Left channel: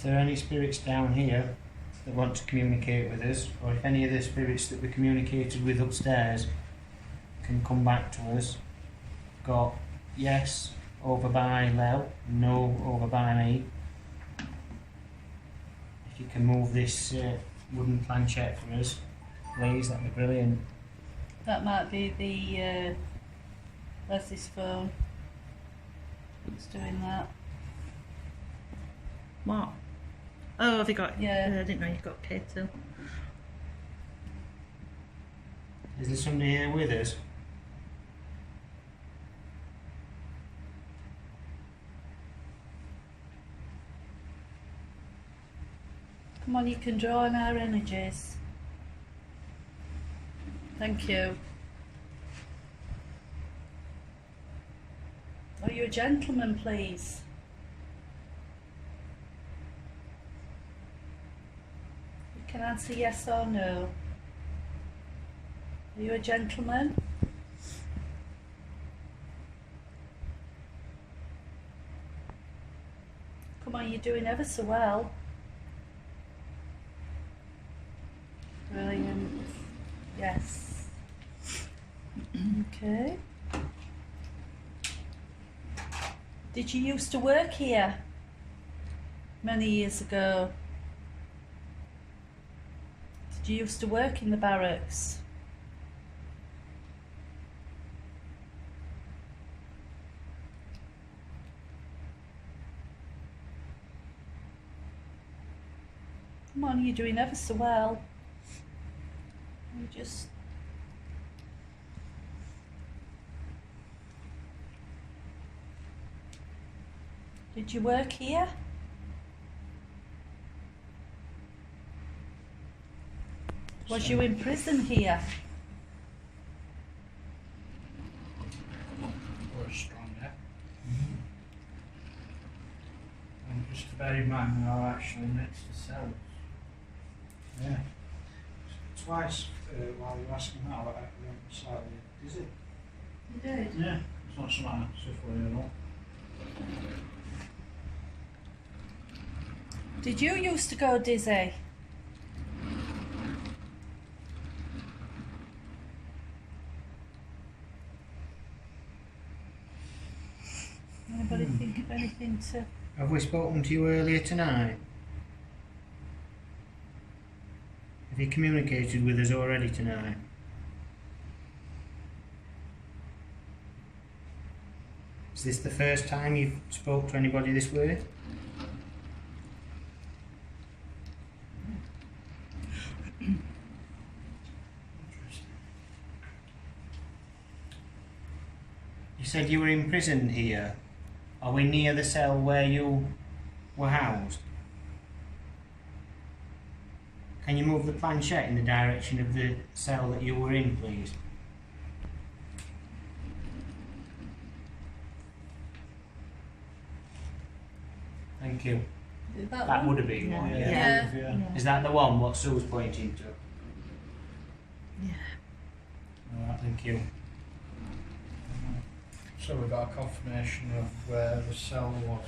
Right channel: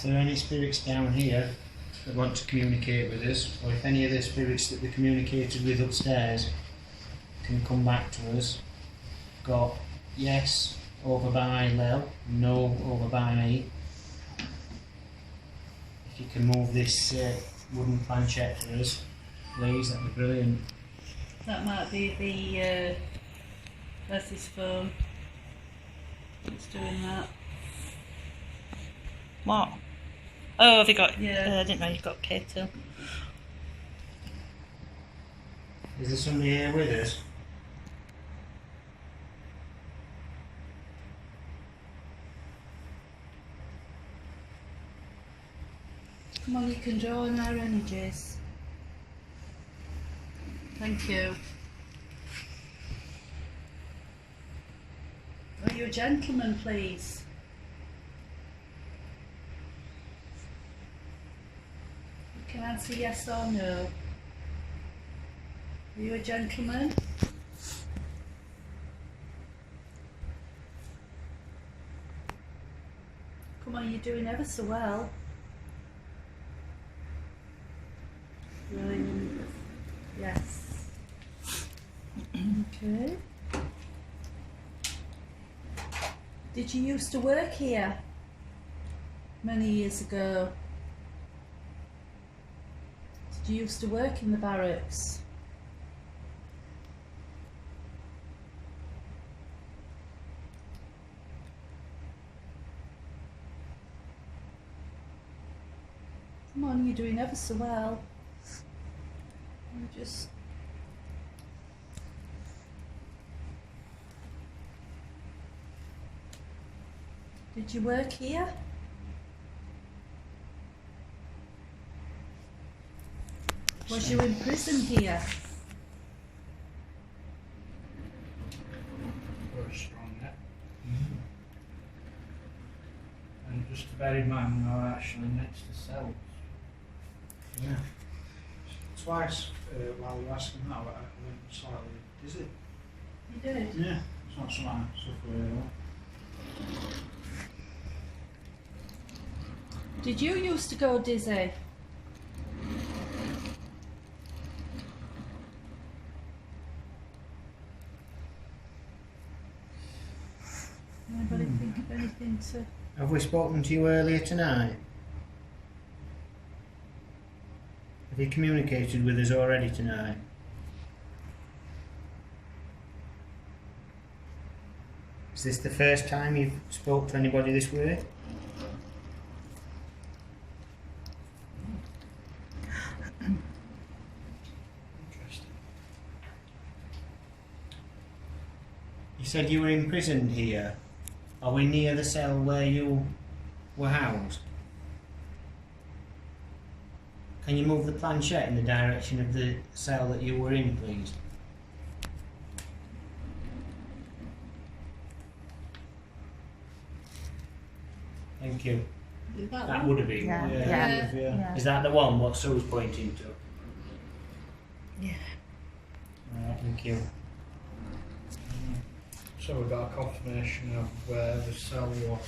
if there are any spirits down here that want to communicate with us, or if any of the spirits that we communicated with upstairs can come back to us. Got yes over by Lel, no over by me. If you can move this wooden planchette for us, please, that'd be brilliant. That might be the that's his phone. It's doing that. What? Oh, have you got? Yeah. I didn't know you got paid too. Is there somebody here with us? Come on, you can draw on our energies. Thank you. Are you a gentleman, please? You can answer yes or no. Are you a gentleman? Come on, you're doing ever so well. Brilliant. Yes. Okay. Did you used to work here many years ago? Did you used to work in the barracks? Come on, you're doing ever so well. You just Did you work here? Was you in prison here? Very strong, yeah. And just to bear in mind, we are actually next to cells. Yeah. Twice while you were asking that, I went slightly dizzy. You did? Yeah, it's not something I suffer with at all. Did you used to go dizzy? Anybody think of anything to... Have we spoken to you earlier tonight? Have you communicated with us already tonight? Is this the first time you've spoke to anybody this way? Interesting. You said you were imprisoned here. Are we near the cell where you were housed? Can you move the planchette in the direction of the cell that you were in, please? Thank you. That would have been. Yeah. wouldn't it? Yeah. Yeah. Is that the one what Sue's pointing to? Yeah. Alright, thank you. So we got a confirmation of where the cell was.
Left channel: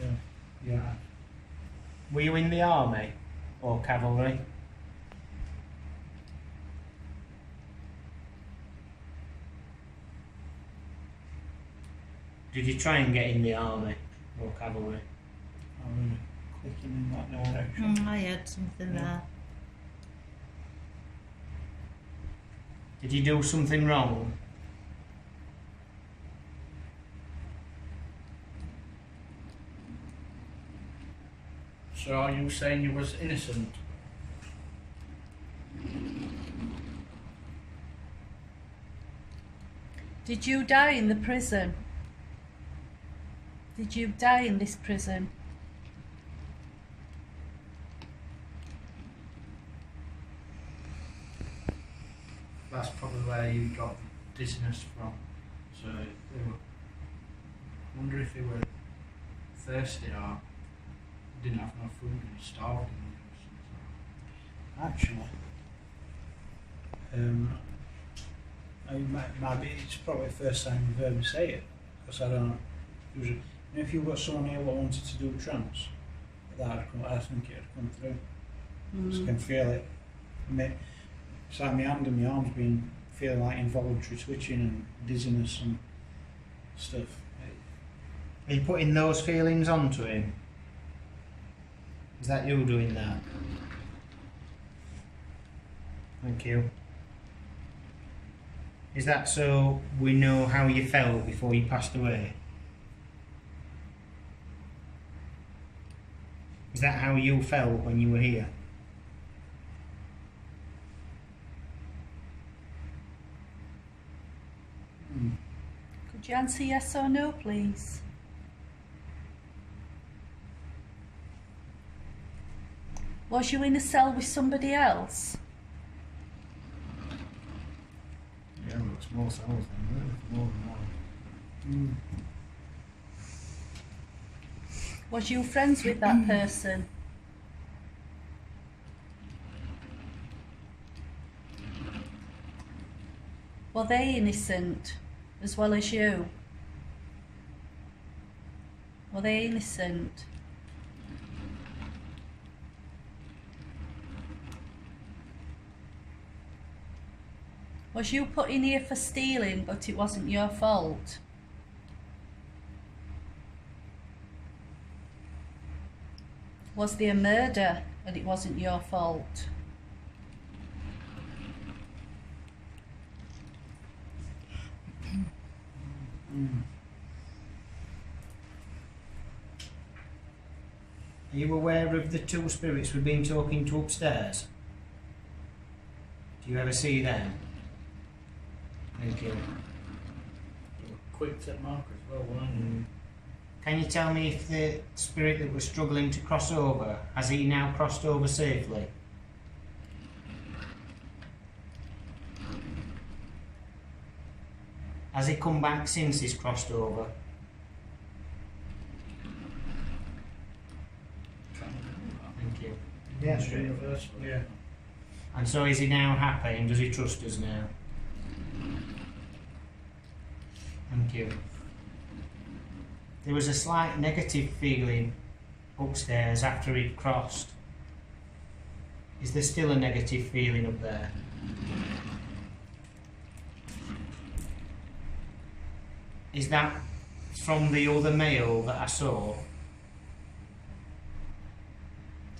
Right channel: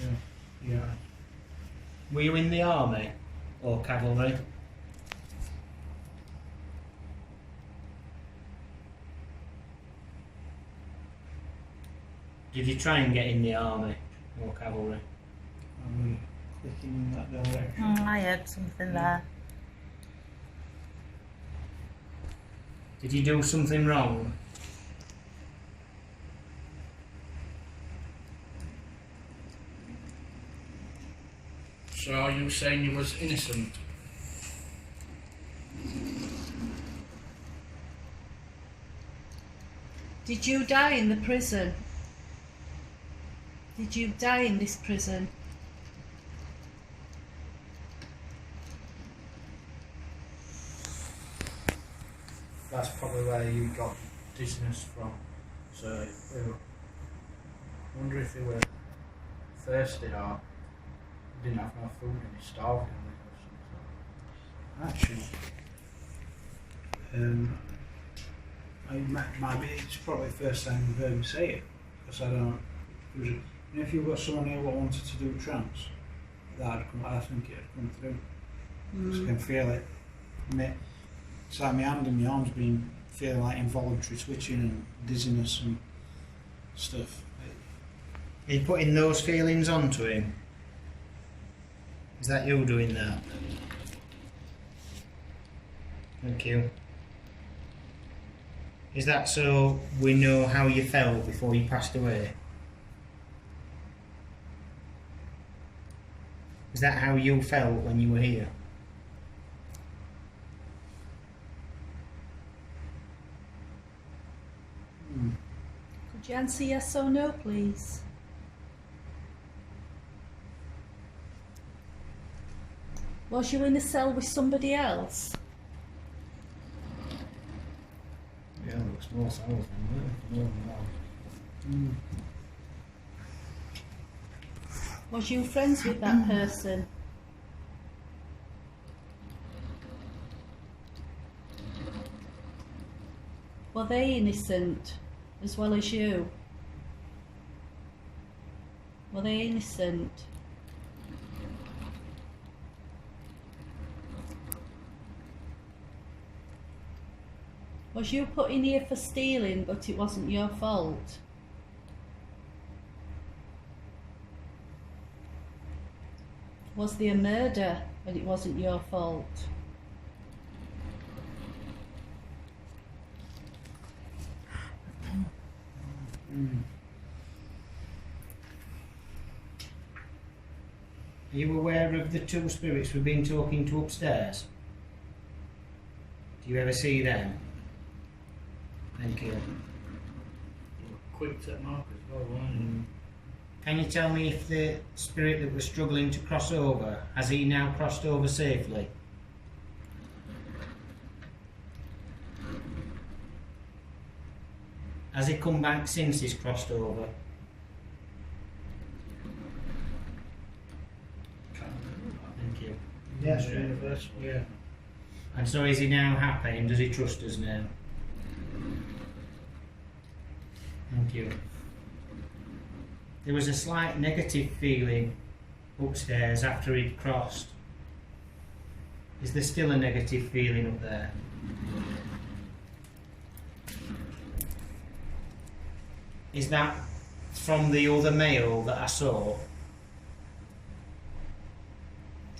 Yeah. Yeah. Were you in the army or cavalry? Did you try and get in the army or cavalry? I'm really clicking in that direction. I heard something there. Did you do something wrong? So are you saying you was innocent? Did you die in the prison? Did you die in this prison? That's probably where you got dizziness from. So I wonder if they were thirsty or didn't have no food and he starved in there or something. Actually, might be, it's probably the first time you've heard me say it, because I don't, you know, if you've got someone here what wanted to do a trance, I think it had come through. So I Mm. can feel it. It's like my hand and my arm's been feeling like involuntary twitching and dizziness and stuff. Are you putting those feelings onto him? Is that you doing that? Thank you. Is that so we know how you felt before you passed away? Is that how you felt when you were here? Could you answer yes or no, please? Was you in a cell with somebody else? Yeah, looks more than one. Was you friends with that person? Were they innocent as well as you? Were they innocent? Was you put in here for stealing but it wasn't your fault? Was there a murder and it wasn't your fault? Are you aware of the two spirits we've been talking to upstairs? Do you ever see them? Thank you. Quick tip mark as well, weren't you? Can you tell me if the spirit that was struggling to cross over, has he now crossed over safely? Has he come back since he's crossed over? Thank you. Yeah, Yeah. And so is he now happy and does he trust us now? Thank you. There was a slight negative feeling upstairs after he'd crossed. Is there still a negative feeling up there? Is that from the other male that I saw?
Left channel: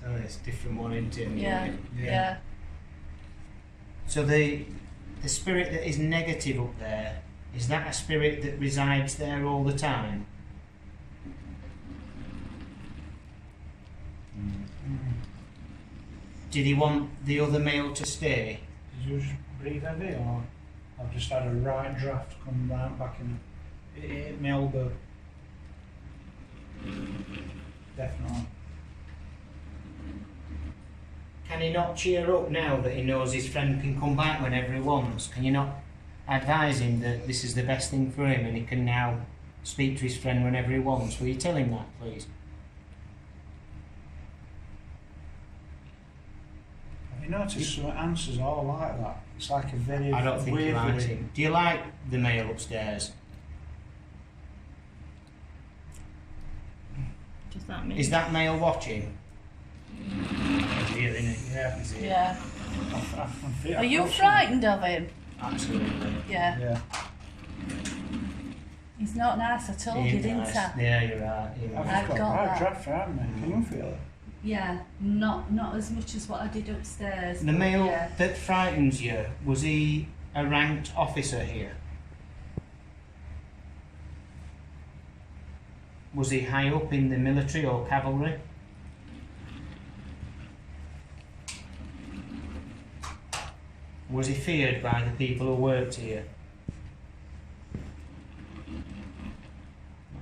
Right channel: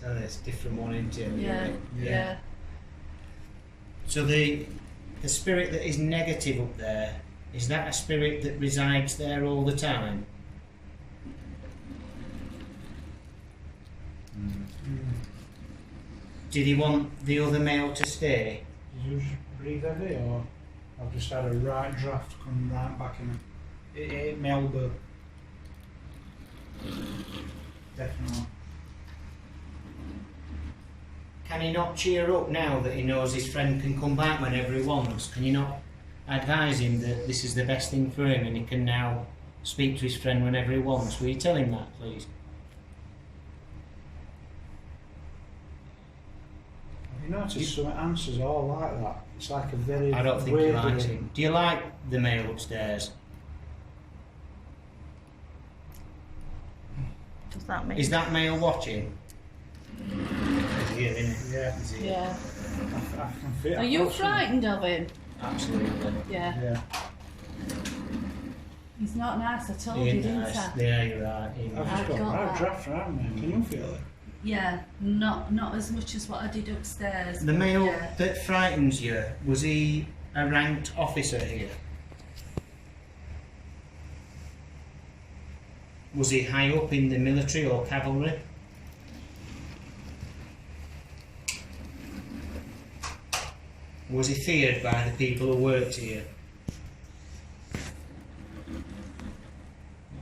Oh, it's a different one, isn't it? Yeah. So the spirit that is negative up there, is that a spirit that resides there all the time? Did he want the other male to stay? Did you just breathe heavy, or I've just had a right draft come right back in me? It hit my elbow. Definitely. Can he not cheer up now that he knows his friend can come back whenever he wants? Can you not advise him that this is the best thing for him and he can now speak to his friend whenever he wants? Will you tell him that, please? Have you noticed some answers are all like that? It's like a very I don't think he weirdly- likes him. Do you like the male upstairs? Does that mean? Is that male watching? He's here, isn't he? Yeah. He's here. Yeah. I can feel Are you it. frightened of him? Absolutely. Yeah. Yeah. He's not nice, I told He you, ain't didn't nice. I? Yeah, you're right. He I've was- I've just got got right that. draft around me. Can you feel it? Yeah, not as much as what I did upstairs. The but male yeah. that frightens you, was he a ranked officer here? Was he high up in the military or cavalry? Was he feared by the people who worked here? Not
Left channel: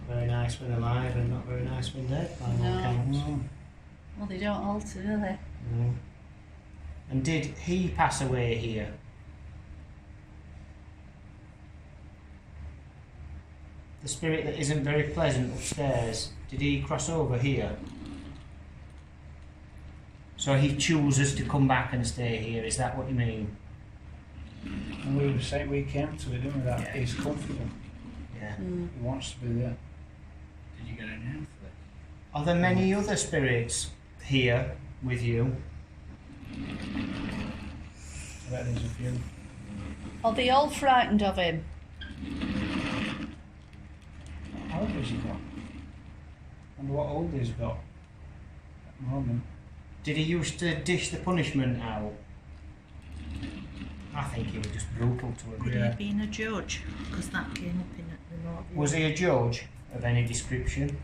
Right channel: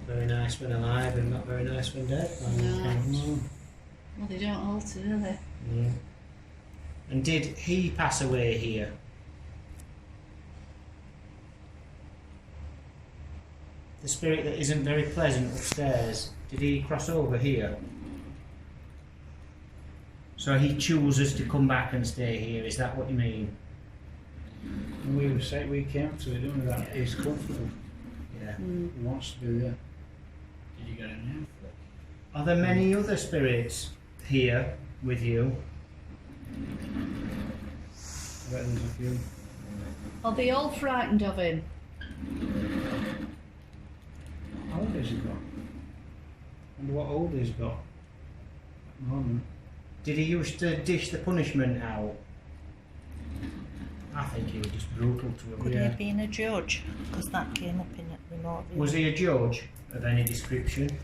very nice when alive and not very nice when dead, by all No. accounts. Well, they don't alter, do they? No. And did he pass away here? The spirit that isn't very pleasant upstairs, did he cross over here? So he chooses to come back and stay here, is that what you mean? And we say we came to it, didn't we? That Yeah. he's comfortable. Yeah. Mm. He wants to be there. Did you get a name for it? Are there many other spirits here with you? There's a few. Are they all frightened of him? How old has he got? Wonder what old he's got at the moment. Did he used to dish the punishment out? I think he was just brutal to him. Could he Yeah. have been a judge? Because that came up in the remote view. Was he a judge of any description?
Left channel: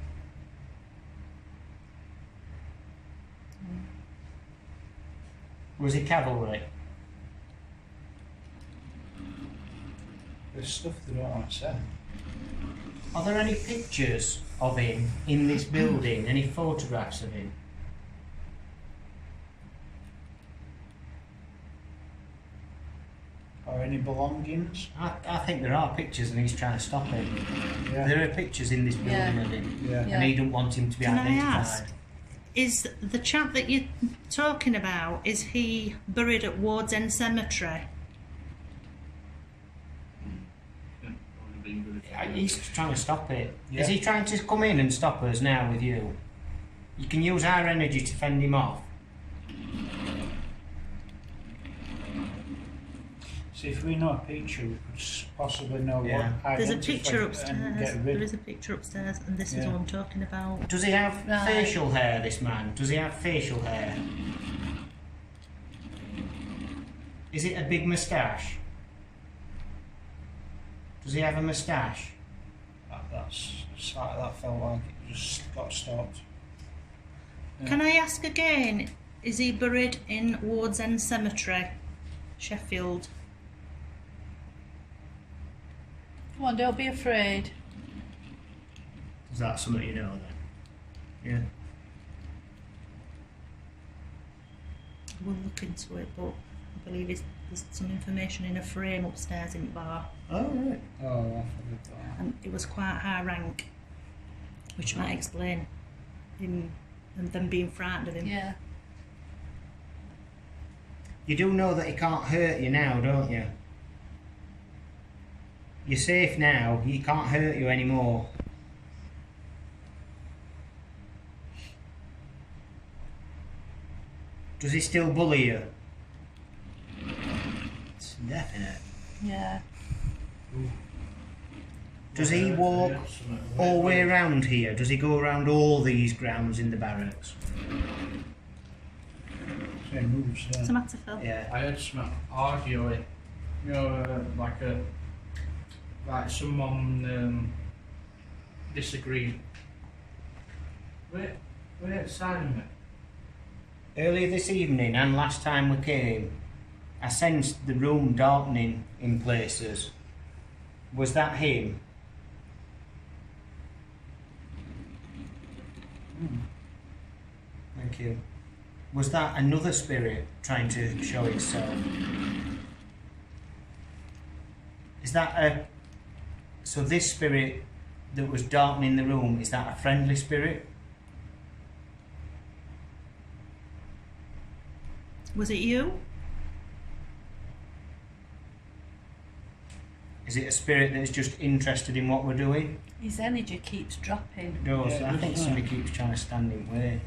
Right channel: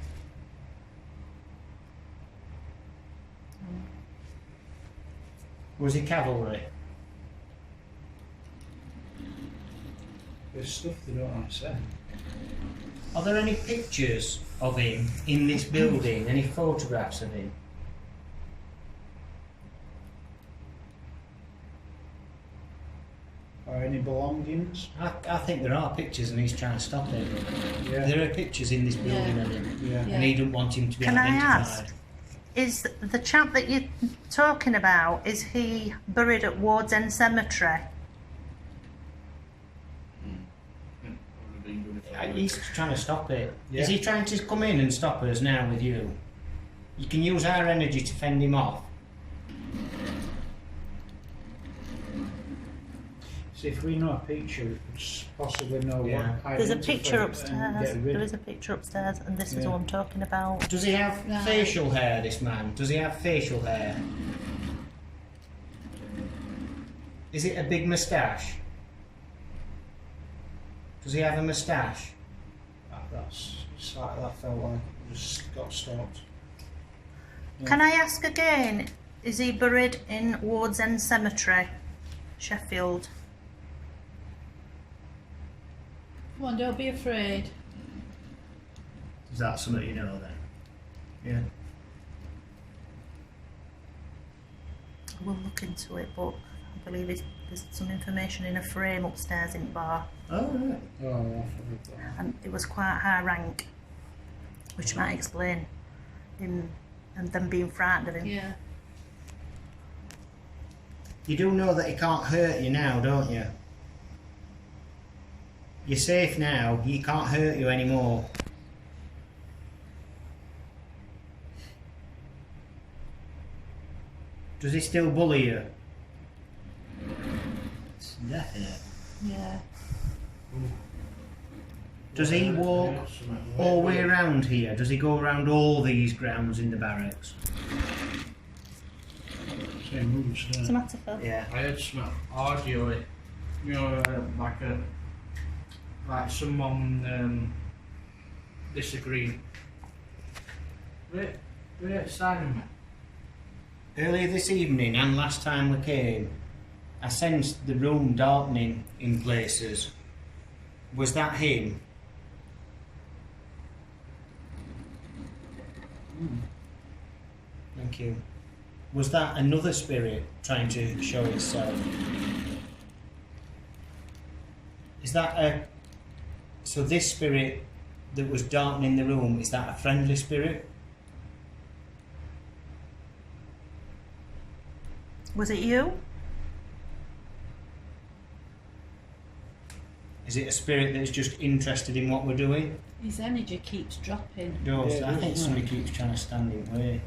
Was he cavalry? There's stuff they don't say. Are there any pictures of him in this building? Any photographs of him? Or any belongings? I think there are pictures and he's trying to stop it. Yeah. There are pictures in this building Yeah. of him Yeah. Yeah. and he don't want him to be Can I identified. ask? Is the chap that you're talking about, is he buried at Ward's End Cemetery? He's trying to stop it. Yeah. Is he trying to come in and stop us now with you? You can use our energy to fend him off. See, if we know a picture, we could possibly know Yeah. what. There's a identify picture it and upstairs. get rid There of is a picture upstairs, and this is Yeah. what I'm talking about. Does he have Right. facial hair, this man? Does he have facial hair? Is it a big moustache? Does he have a moustache? that felt like it just got stopped. Yeah. Can I ask again? Is he buried in Ward's End Cemetery, Sheffield? Come on, don't be afraid. Is that something you know then? Yeah. We'll look into it, but I believe there's some information in a frame upstairs in the bar, Oh, right. Oh, I forgot that. and it was quite high rank, which might explain him and them being frightened of him. Yeah. You do know that he can't hurt you now, don't you? You're safe now. He can't hurt you anymore. Does he still bully you? It's definite. Yeah. Does he walk all the way around here? Does he go around all these grounds in the barracks? Same moves, What's the matter, Phil? Yeah. I heard some arguing, you know, like someone disagreed. Wait, Simon, mate. Earlier this evening and last time we came, I sensed the room darkening in places. Was that him? Thank you. Was that another spirit trying to show itself? Is that a... So this spirit that was darkening the room, is that a friendly spirit? Was it you? Is it a spirit that is just interested in what we're doing? His energy keeps dropping. It does. Yeah, it I does, think doesn't somebody keeps trying to stand in the way.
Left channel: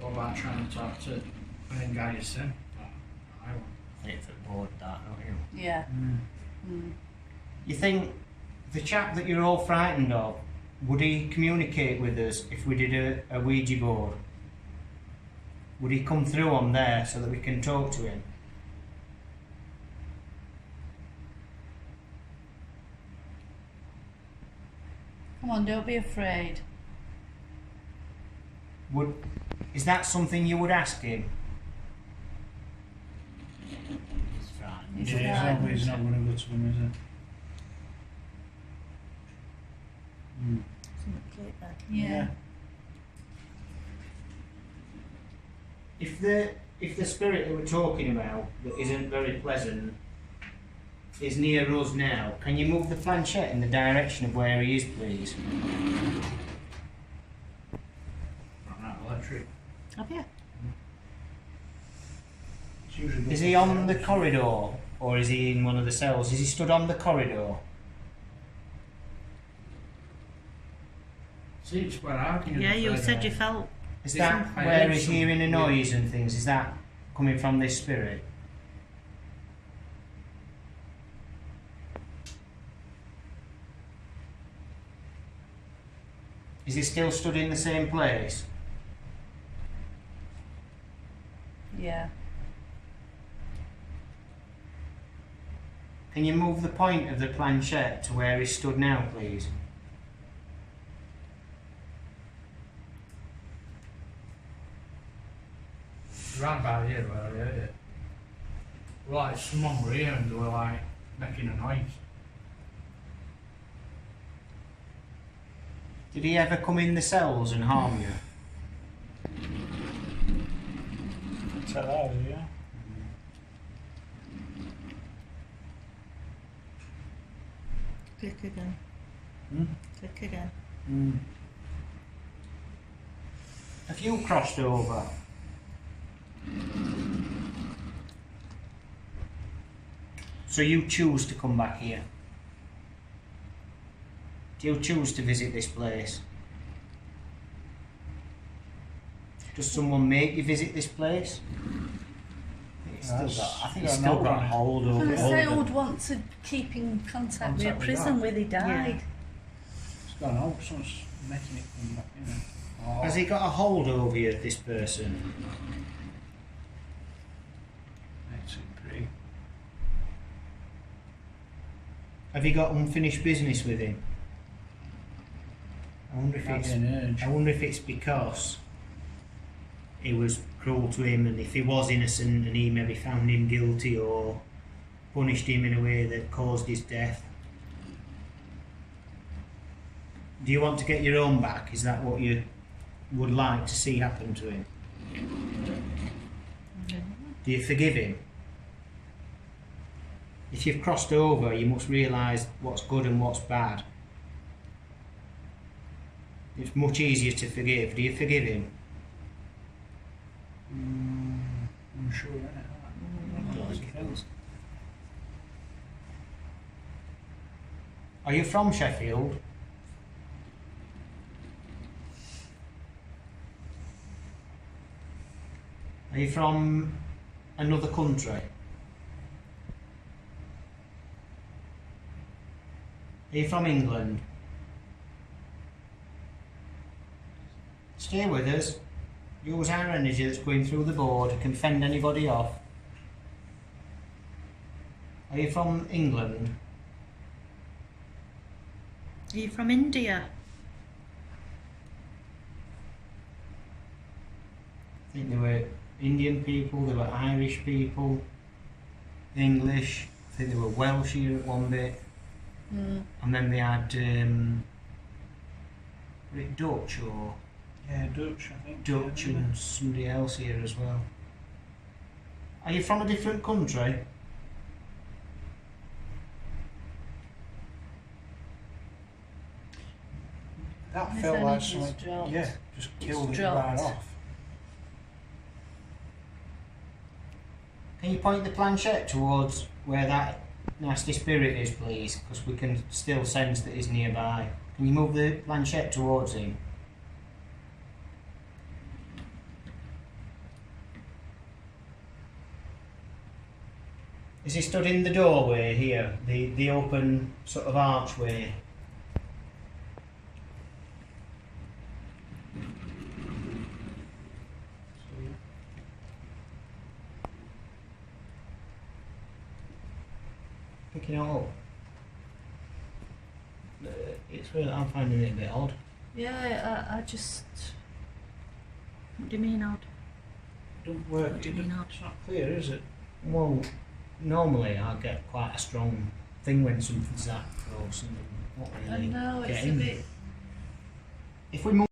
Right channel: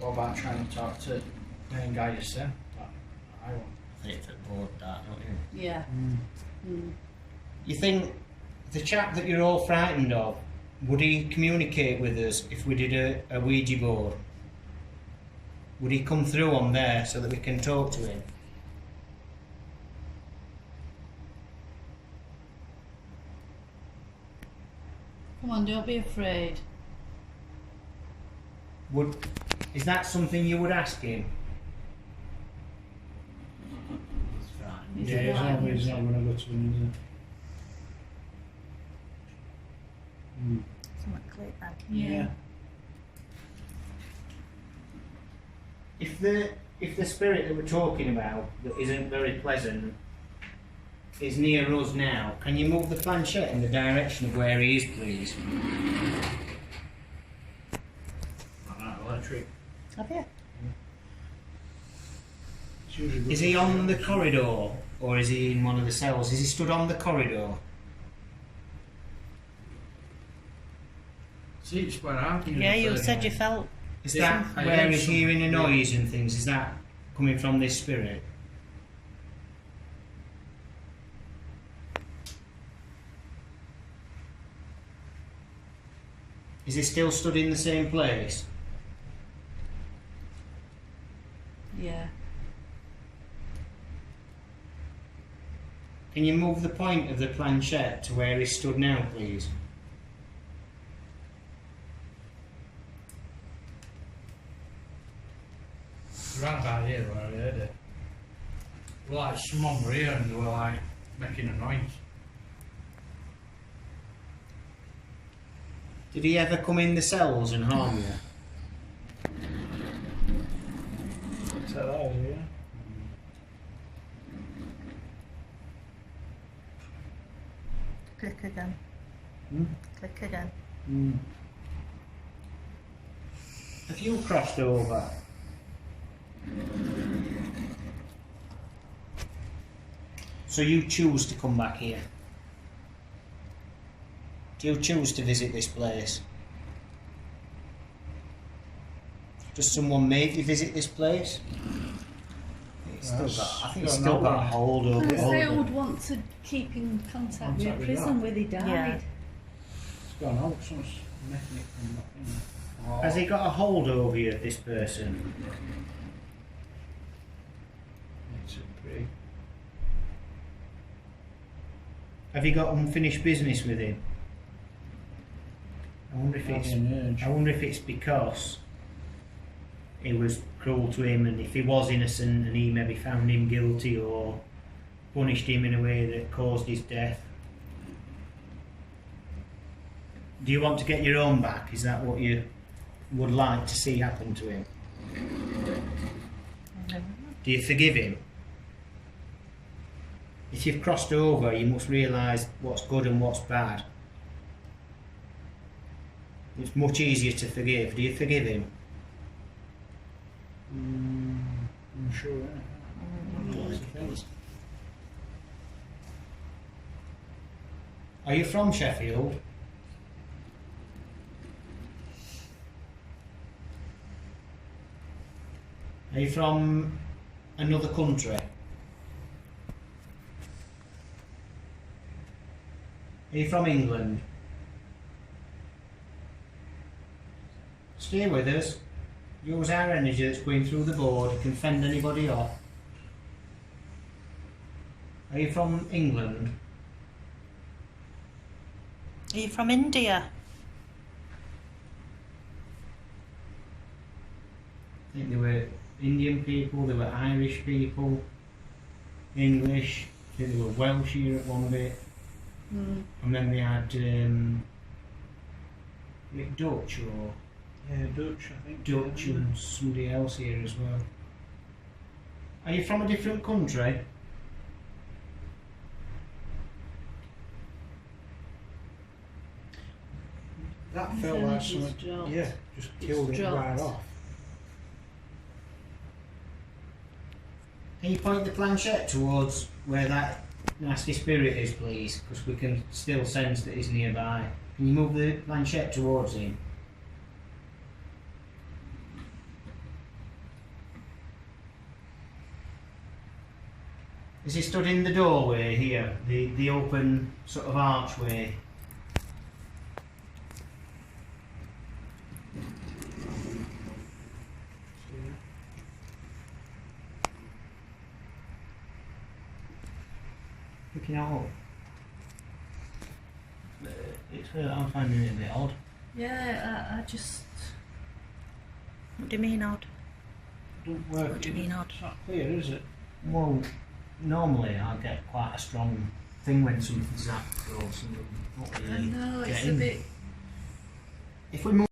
What about trying to talk to the main guy you said? I won't. I think it's a board that, don't you? Yeah. Mm. You think the chap that you're all frightened of, would he communicate with us if we did a Ouija board? Would he come through on there so that we can talk to him? Come on, don't be afraid. Is that something you would ask him? He's Yeah, frightened. he's not going to go to him, is he? Something clicked then. Yeah. If the spirit that we're talking about that isn't very pleasant is near us now, can you move the planchette in the direction of where he is, please? Electric. Have you? It's usually good Is he for on the friends. corridor or is he in one of the cells? Is he stood on the corridor? See, it's where I've been. Yeah, you said you felt. Is Yeah, that I where heard he's some- hearing a noise and things? Is that coming from this spirit? Is he still stood in the same place? Yeah. Can you move the point of the planchette to where he stood now, please? Round about here where I heard it. Like someone were here and they were like making a noise. Did he ever come in the cells and harm you? Is that that, yeah? Click again. Hmm? Click again. Mm. Have you crossed over? So you choose to come back here? Do you choose to visit this place? Does someone make you visit this place? It's still got, I think it's still got a hold over Because they it. would want to keep in contact with a Contact with prison that. where they died. Yeah. It's gone out, someone's making it come back in. Oh. Has he got a hold over you, this person? Makes it pretty. Have you got unfinished business with him? I wonder if it's because he was cruel to him, and if he was innocent and he maybe found him guilty or punished him in a way that caused his death. Do you want to get your own back? Is that what you would like to see happen to him? Do you forgive him? If you've crossed over, you must realise what's good and what's bad. It's much easier to forgive. Do you forgive him? I'm sure, innit? Are you from Sheffield? Are you from another country? Are you from England? Stay with us. Use our energy that's going through the board. It can fend anybody off. Are you from England? Are you from India? I think there were Indian people, there were Irish people, English, I think there were Welsh here at one bit, and then they had Dutch or Yeah, Dutch, I think. Dutch and somebody else here as well. Are you from a different country? That His felt energy like was something. dropped. Yeah, just killed it dropped. right off. Can you point the planchette towards where that nasty spirit is, please? Because we can still sense that he's nearby. Can you move the planchette towards him? Is he stood in the doorway here? The open sort of archway? Picking it up. It's really, I'm finding it a bit odd. Yeah, I just. What do you mean odd? Don't work. What do you mean odd? It's not clear, is it? Well, normally I get quite a strong thing when something's that close and not I really know, it's a getting. bit. If we move